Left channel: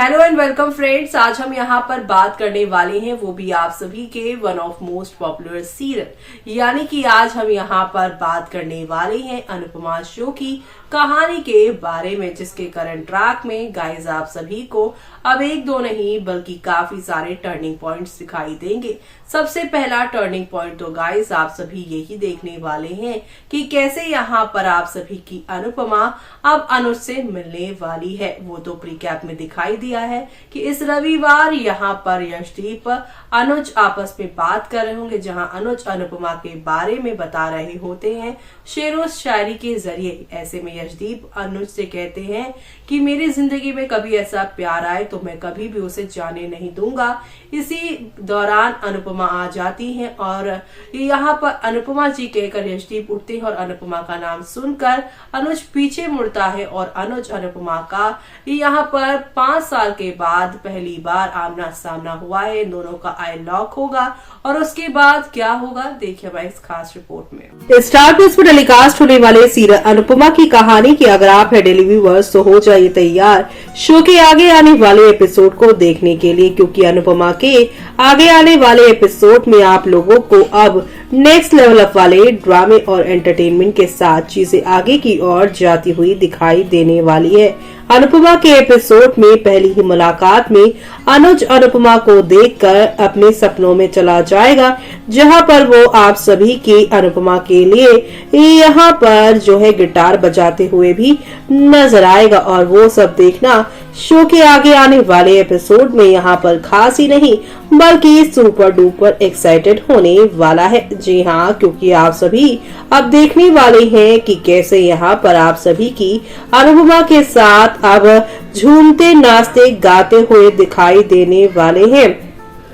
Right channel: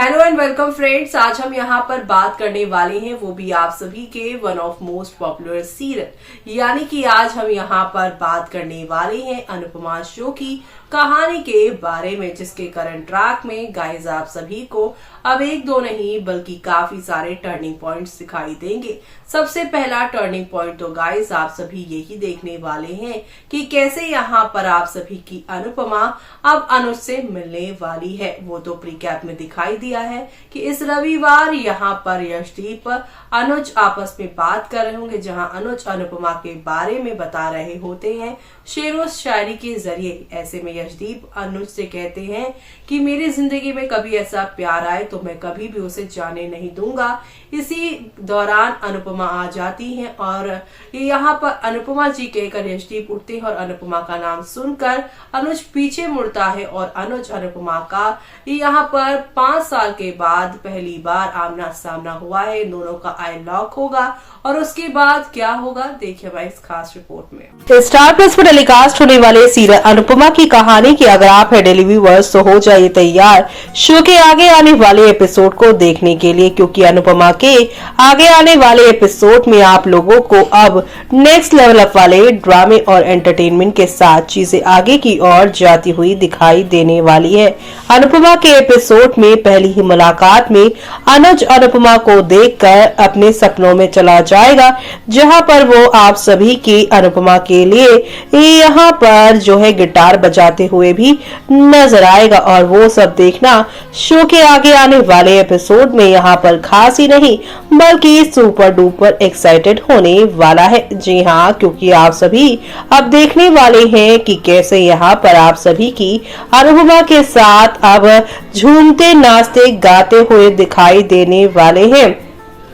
Hello and welcome friends. आज हम यहाँ पर बात करने वाले हैं वो भी आप सभी के one of most popular serial, यानी कि आज हम यहाँ पर बात करने वाले हैं अनुपमा शो की कहानी के बारे में, जिसके करंट ट्रैक में गाइस आप सभी को अब एक दो नहीं बल्कि काफी सारे टर्निंग पॉइंट्स दिखाई देंगे। सबसे पहला टर्निंग पॉइंट तो गाइस आप सभी यही देखने वाले हैं कि कैसे यहाँ पर आप सभी की अनुपमा अब अनुज से मिलने वाली है। वो तो प्रीकैप में दिखाई दिया है कि इस रविवार यहाँ पर यशदीप अनुज आपस में बात कर रहे होंगे, जहां अनुज अनुपमा के बारे में बता रहे होते हैं शेरो शायरी के जरिए। ऐसे में यशदीप अनुज से कहते हैं कि मेरी जिंदगी में कभी ऐसा प्यार आए तो मैं कभी भी उसे जाने नहीं दूंगा। इसी दौरान अनुपमा आ जाती हैं और यहाँ पर अनुपमा जी कहकर यशदीप उठते हैं और अनुपमा का नाम सुनकर अनुज पीछे मुड़ता है और अनुज अनुपमा का यहाँ पर 5 साल के बाद पहली बार आमना सामना हुआ है। दोनों का आई लॉक होगा और उसके बाद क्या होगा देखिए भाई इस खास रिपोर्ट में। स्टार प्लस पर टेलीकास्ट होने वाले सीरियल अनुपमा की कहानी की अगर आप है डेली व्यूअर्स तो हो जाइए तैयार शो के आगे आने वाले एपिसोड को देखने के लिए, क्योंकि अनुपमा के आगे आने वाले एपिसोड में आप लोगों को अब नेक्स्ट लेवल अप वाले ड्रामे और एंटरटेनमेंट के साथ चीजें आगे की ओर जाती हुई दिखाई देने वाली है। अनुपमा के एपिसोड में पहली ही मुलाकात में अनुज अनुपमा को देखकर अपने सपनों में चला जाएगा, जहां पर वो आप सभी की अनुपमा के लिए यहाँ पर जो है गिटार बजाते हुए भी नजर आएगा। और वो सब देखना शो के आगे आने वाले एपिसोड में यहाँ पर खास ही नहीं बल्कि सुपर डुपर एक्साइटेड होने वाला है। जी हाँ, क्योंकि आप सभी अब देखने वाले हैं कि कैसे यहाँ पर आप सभी की अनुपमा के साथ अब झूमते नाचते गाते हुए दिखाई देने वाले हैं।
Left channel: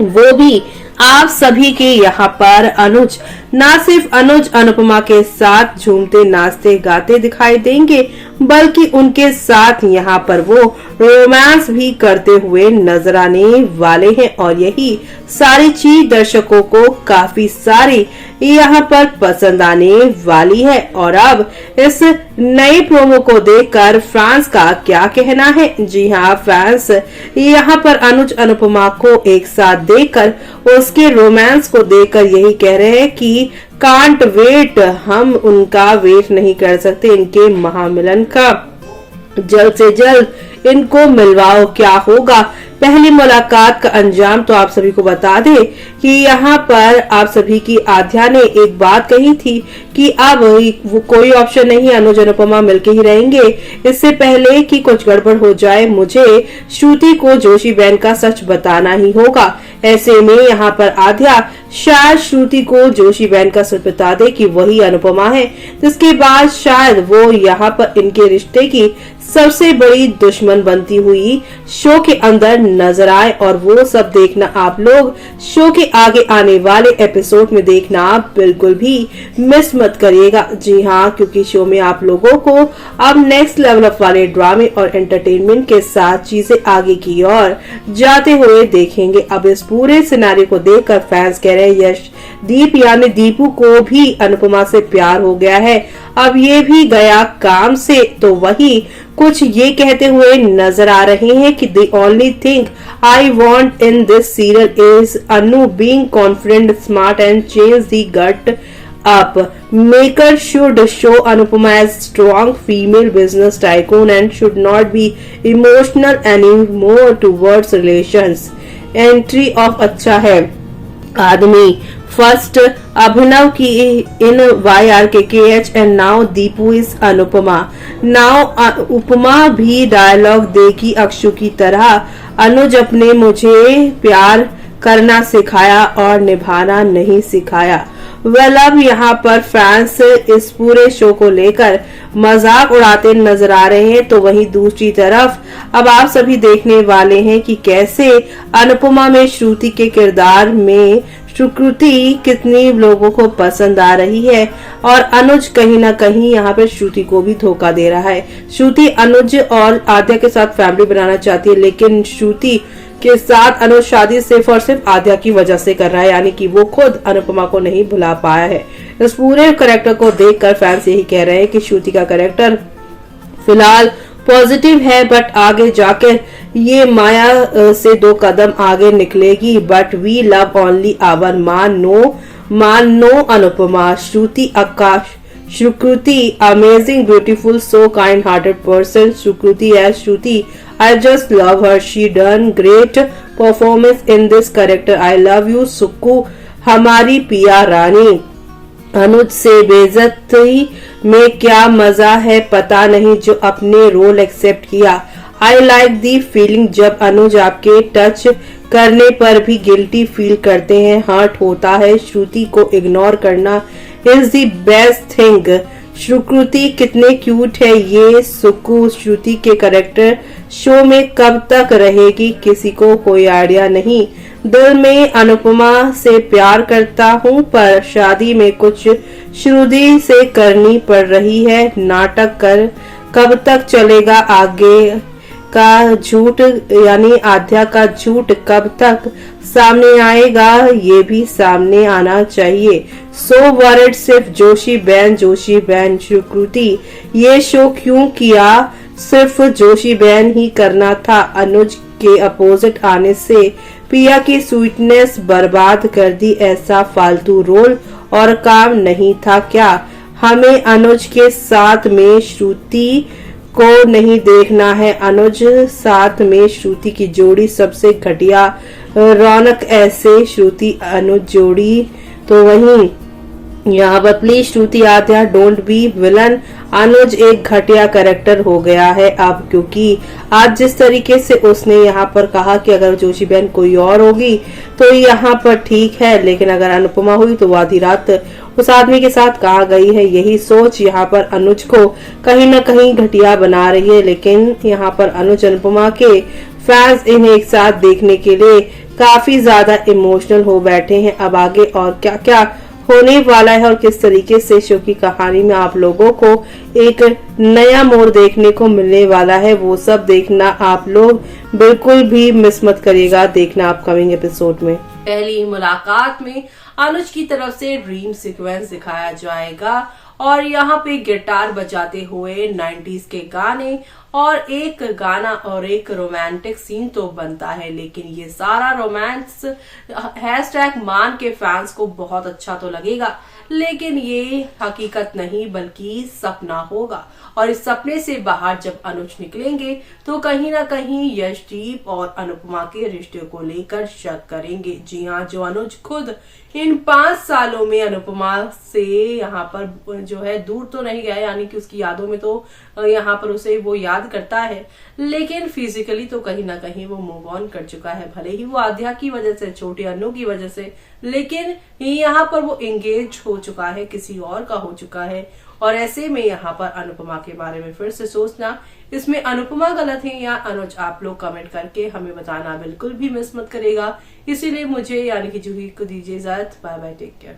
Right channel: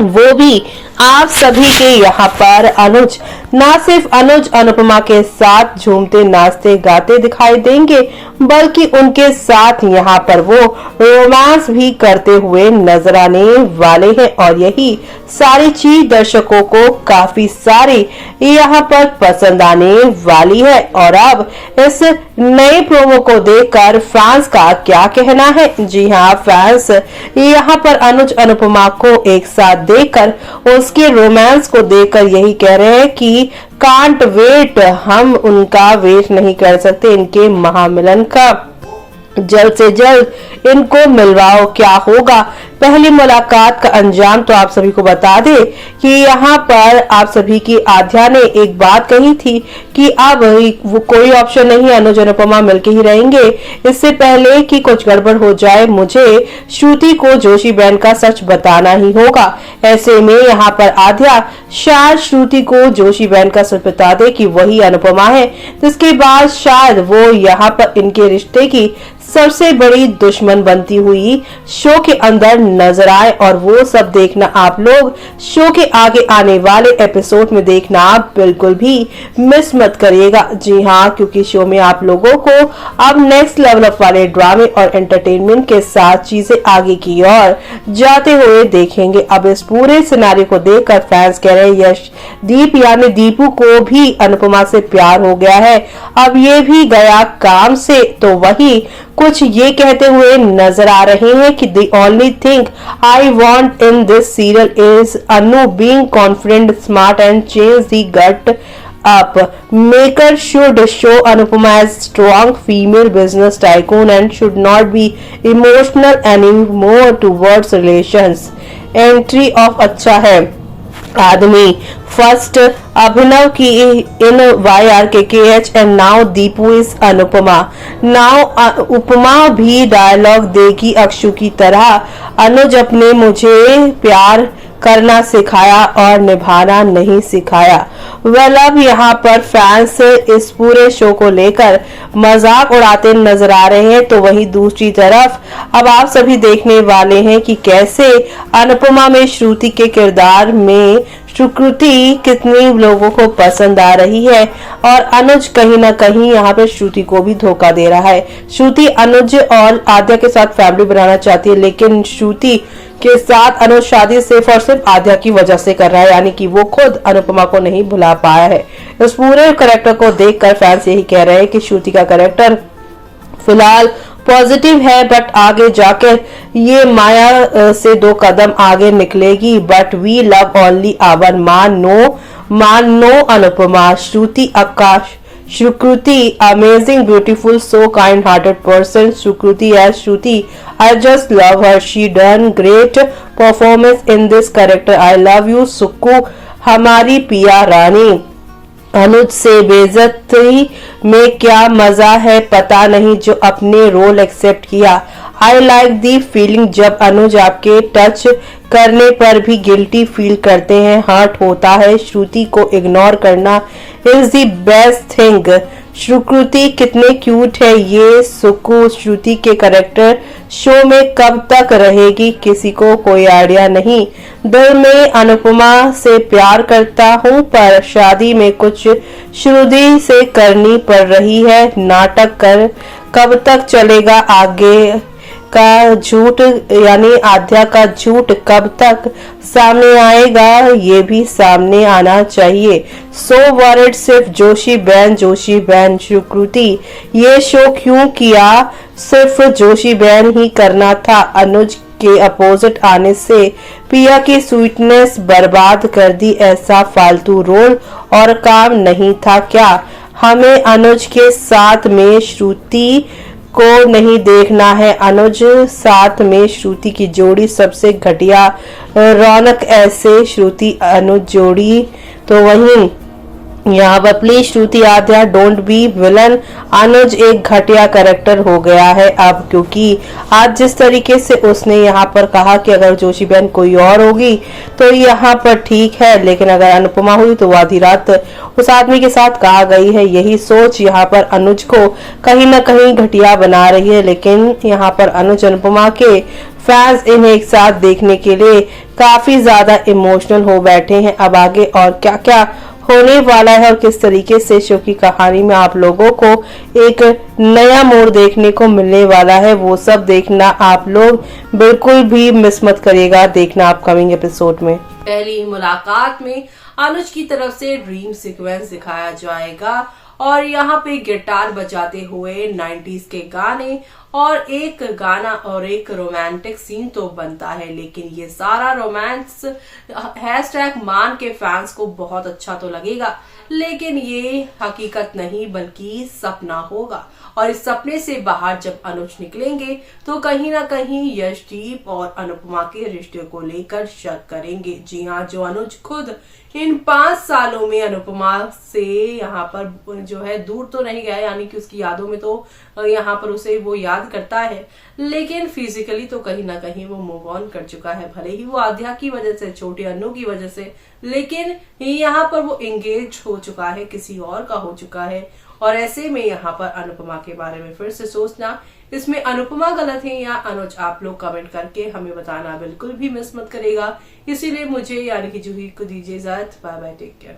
वो भी आप सभी के यहाँ पर अनुज न सिर्फ अनुज अनुपमा के साथ झूमते नाचते गाते दिखाई देंगे बल्कि उनके साथ यहाँ पर वो रोमांस भी करते हुए नजर आने वाले हैं। और यही सारी चीज दर्शकों को काफी सारी यहाँ पर पसंद आने वाली है। और अब इस नए प्रोमो को देखकर फैंस का क्या कहना है? जी हाँ, फैंस यहाँ पर अनुज अनुपमा को एक साथ देखकर उसके रोमांस को देखकर यही कह रहे हैं कि कांट वेट, हम उनका वेट नहीं कर सकते इनके महामिलन का। जल्द से जल्द इनको मिलवाओ। क्या होगा पहली मुलाकात का अंजाम? तो आप सभी को बता दें कि यहाँ पर आप सभी की आध्या ने एक बात कही थी कि अब वो कोई ऑप्शन नहीं, अनुज अनुपमा मिलके ही रहेंगे। इससे पहले कि कुछ गड़बड़ हो जाए मुझे श्रुति को जोशी बहन का सच बताना ही होगा। ऐसे में यहाँ पर आध्या शायद श्रुति को जोशी बहन का सच बता दे कि वही अनुपमा है, जिसके बाद शायद वो यहाँ पर इनके रिश्ते की सबसे बड़ी दुश्मन बनती हुई शो के अंदर नजर आए। और वो सब देखना आप लोग शो के आगे आने वाले एपिसोड में देखना आप बिल्कुल भी मिस मत करिएगा। जी हाँ, क्योंकि शो में आप लोगों को अब नेक्स्ट लेवल अप वाले ड्रामे और एंटरटेनमेंट के साथ चीजें आगे की ओर जाते हुए देखेंगे। अब इस पूरे सिनारियो को देखकर फैंस कह रहे हैं यशदीप यानी दीपू को भी अनुपमा से प्यार हो गया है, अब ये भी गया काम से। तो वही कुछ ये कहते हुए नजर आ रहे हैं कि the only thing I want in this serial is Anu being confident, smart and change the gut up. Maker should show Anupama as strong female business tycoon and should not be emotional anymore towards relations. Entry of अच्छा है आदमी first Abhinav की in YRKKH and now Deepu is Anupama. Now Upama भी dialogue देगी अक्षु की तरह। अनुज अपने मुझे प्यार करना सिखाया और निभाना नहीं सिखाया। वेल अब यहाँ पर फैंस इस पूरे शो को लेकर मजाक उड़ाते नजर आ रहे हैं, तो वहीं दूसरी तरफ अब आप सभी देखने वाले हैं कि कैसे अनुपमा में श्रुति के किरदार में सुकृति कितनी लोगों को पसंद आ रही है और अनुज कहीं ना कहीं यहाँ पे श्रुति को भी धोखा दे रहा है। श्रुति अनुज और आद्या के साथ फैमिली बनाना चाहती है, लेकिन श्रुति के साथ अनुज शादी सिर्फ और सिर्फ आद्या की वजह से कर रहा है, यानी कि वो खुद अनुपमा को नहीं भुला पाया है। इस पूरे कैरेक्टर को देखकर फैंस यही कह रहे हैं कि श्रुति का कैरेक्टर फिलहाल पॉजिटिव है, बट आगे जाकर ये माया से 2 कदम आगे निकलेगी, but we love only our Maan no Anupama, Shruti Aakash, Shruti, amazing, beautiful, so kind-hearted person. Shruti as Shruti, I just love her. She done great performance in this character. I love you, Sukku, हमारी पिया रानी. अनुज से बेइज्जती में क्या मजा है पता नहीं, जो अपने रोल एक्सेप्ट किया. आई लाइक दी फीलिंग जब अनुज आपके टच करने पर भी गिल्टी फील करते हैं, हर्ट होता है. श्रुति को इग्नोर करना इज द बेस्ट थिंग. श्रुति कितने क्यूट है ये. सुकु, श्रुति के कैरेक्टर शो में कब तक रहेगी किसी को कोई आइडिया नहीं. दिल में अनुपमा से प्यार करता हूँ, पर शादी में कुछ श्रुति से करनी पड़ रही है. नाटक कर कब तक चलेगा. आगे का झूठ यानी आद्या का झूठ कब तक सामने आएगा, ये भी सामने आना चाहिए. सो वरिड सिर्फ जोशी बहन. श्रुति, ये शो क्यों किया, सिर्फ जोशी बहन ही करना था. अनुज के अपोजिट आने से पिया की स्वीटनेस बर्बाद कर दी. ऐसा फालतू रोल और काम नहीं था क्या. हमें अनुज के साथ में श्रुति को नहीं देखना है. अनुज साथ में श्रुति की जोड़ी सबसे घटिया. रौनक ऐसे श्रुति अनुज जोड़ी तो वहीं यहाँ पर please Shruti Aadya don't be villain. Anuj एक घटिया कैरेक्टर हो गया है अब, क्योंकि आज जिस तरीके से उसने यहाँ पर कहा कि अगर जोशी बहन कोई और होगी तो यहाँ पर ठीक है, लेकिन अगर अनुपमा हुई तो वो आधी रात उस आदमी के साथ कहा गई है. यही सोच यहाँ पर अनुज को कहीं न कहीं घटिया बना रही है. लेकिन यहाँ पर अनुज अनुपमा के फैंस इन्हें एक साथ देखने के लिए काफी ज्यादा इमोशनल हो बैठे हैं. अब आगे और क्या क्या होने वाला है और किस तरीके से शो की कहानी में आप लोगों को एक नया मोड़ देखने को मिलने वाला है, वो सब देखना आप लोग बिल्कुल भी मिस मत करिएगा. देखना अपकमिंग एपिसोड में. पहली मुलाकात में अनुज की तरफ से ड्रीम सीक्वेंस दिखाया जाएगा और यहाँ पे गिटार बजाते हुए 90s के गाने और एक गाना और एक रोमांटिक सीन तो बनता है. लेकिन ये सारा रोमांस #मान के फैंस को बहुत अच्छा तो लगेगा, लेकिन ये हकीकत नहीं बल्कि सपना होगा. और इस सपने से बाहर जब अनुज निकलेंगे तो कहीं ना कहीं यशदीप और अनुपमा के रिश्ते को लेकर शक करेंगे. जी हाँ, जो अनुज खुद इन 5 सालों में अनुपमा से यहाँ पर जो है दूर तो नहीं गया, यानी कि उसकी यादों में तो यहाँ पर उसे वो याद करता है, लेकिन फिजिकली तो कहीं ना कहीं वो मूव ऑन कर चुका है. भले ही वो आद्या की वजह से, छोटे अन्नू की वजह से, लेकिन यहाँ पर वो एंगेज हो चुका है, किसी और का हो चुका है. और ऐसे में यहाँ पर अनुपमा के बारे में फिर से सोचना, इसमें अनुपमा गलत है या अनुज, आप लोग कमेंट करके हमें बताना बिल्कुल भी मिस मत करेगा. इसीलिए मुझे यानी कि जूही को दीजिए इजाजत. Bye bye, take care.